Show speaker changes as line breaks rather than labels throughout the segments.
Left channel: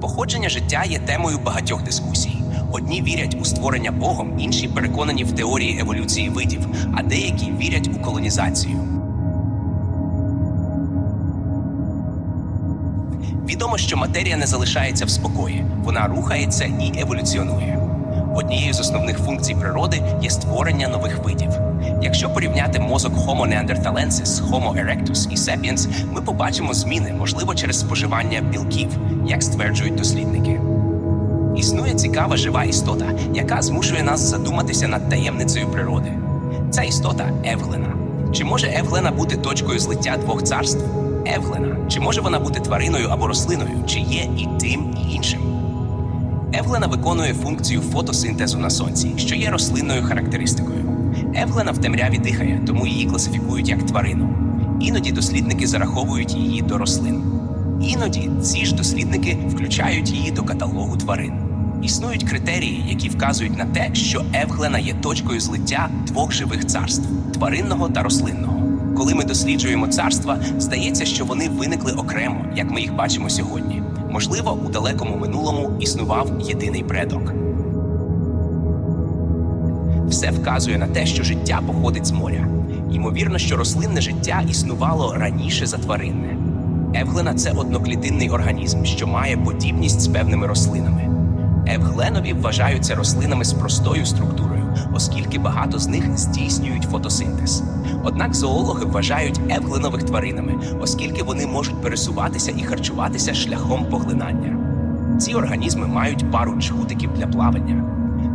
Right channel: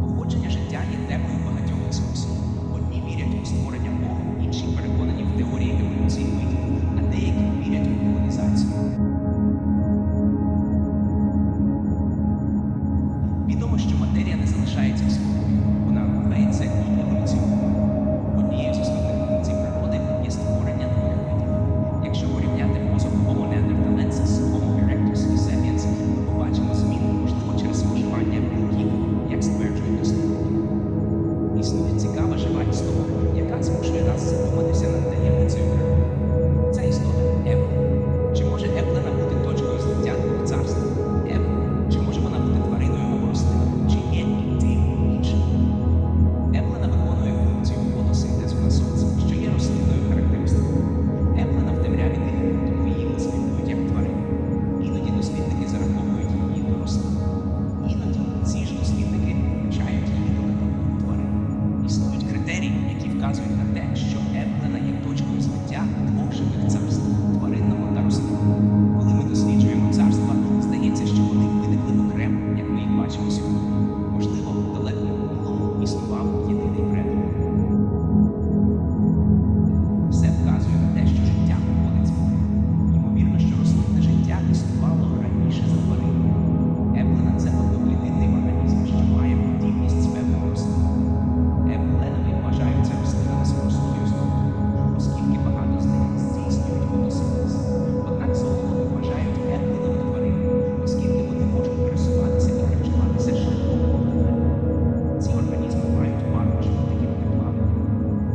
Походження життя є темою багатьох дискусій. Одні вірять у створення Богом, інші переконані в теорії еволюції видів, а деякі вірять у колонізацію. Відомо, що матерія не залишається в спокої, вона рухається і еволюціонує. Однією з основних функцій природи є створення нових видів. Якщо порівняти мозок Homo neanderthalensis, Homo erectus і Sapiens, ми побачимо зміни, можливо, через споживання білків, як стверджують дослідники. Існує цікава жива істота, яка змушує нас задуматися над таємницею природи. Ця істота Евглена. Чи може Евглена бути точкою злиття двох царств? Евглена. Чи може вона бути твариною або рослиною, чи є і тим, і іншим? Евглена виконує функцію фотосинтезу на сонці, що є рослинною характеристикою. Евглена в темряві дихає, тому її класифікують як тварину. Іноді дослідники зараховують її до рослин. Іноді ці ж дослідники включають її до каталогу тварин. Існують критерії, які вказують на те, що Евглена є точкою злиття двох живих царств тваринного та рослинного. Коли ми досліджуємо царства, здається, що вони виникли окремо, як ми їх бачимо сьогодні. Можливо, у далекому минулому існував єдиний предок. Все вказує на те, що життя походить з моря. Ймовірно, що рослинне життя існувало раніше за тваринне. Евглена це одноклітинний організм, що має подібність з певними рослинами. Евгленові вважаються рослинами з простою структурою, оскільки багато з них здійснюють фотосинтез. Однак зоологи вважають евгленових тваринами, оскільки вони можуть пересуватися і харчуватися шляхом поглинання. Ці організми мають пару джгутиків для плавання.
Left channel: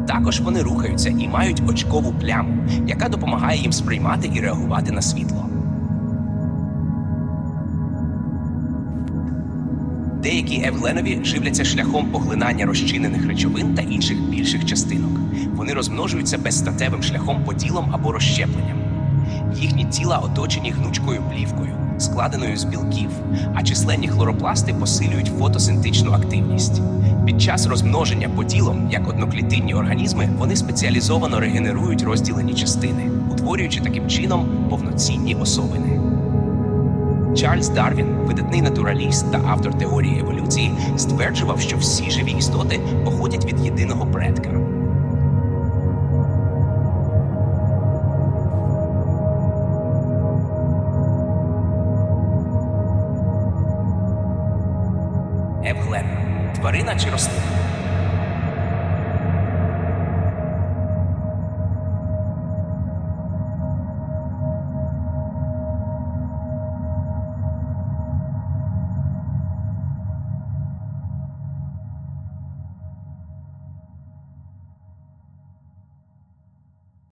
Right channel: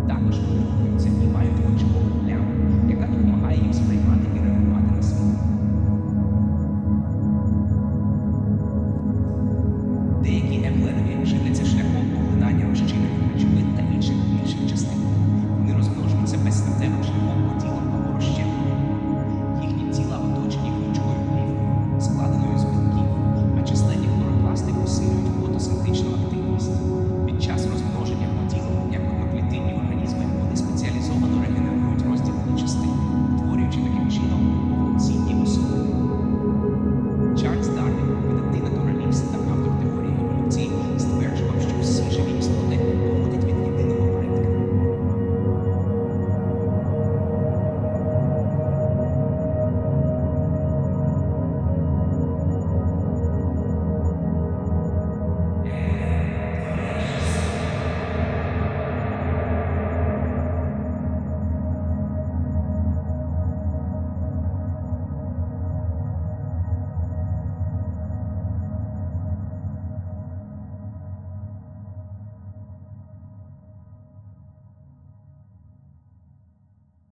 Також вони рухаються і мають очкову пляму, яка допомагає їм сприймати і реагувати на світло. Деякі евгленові живляться шляхом поглинання розчинених речовин та інших більших частинок. Вони розмножуються безстатевим шляхом поділом або розщепленням. Їхні тіла оточені гнучкою плівкою, складеною з білків, а численні хлоропласти посилюють фотосинтичну активність. Під час розмноження поділом, як одноклітинні організми, вони спеціалізовано регенерують розділені частини, утворюючи таким чином повноцінні особини. Чарльз Дарвін, видатний натураліст та автор теорії еволюції, стверджував, що всі живі істоти походять від єдиного предка. Евглена тварина чи рослина?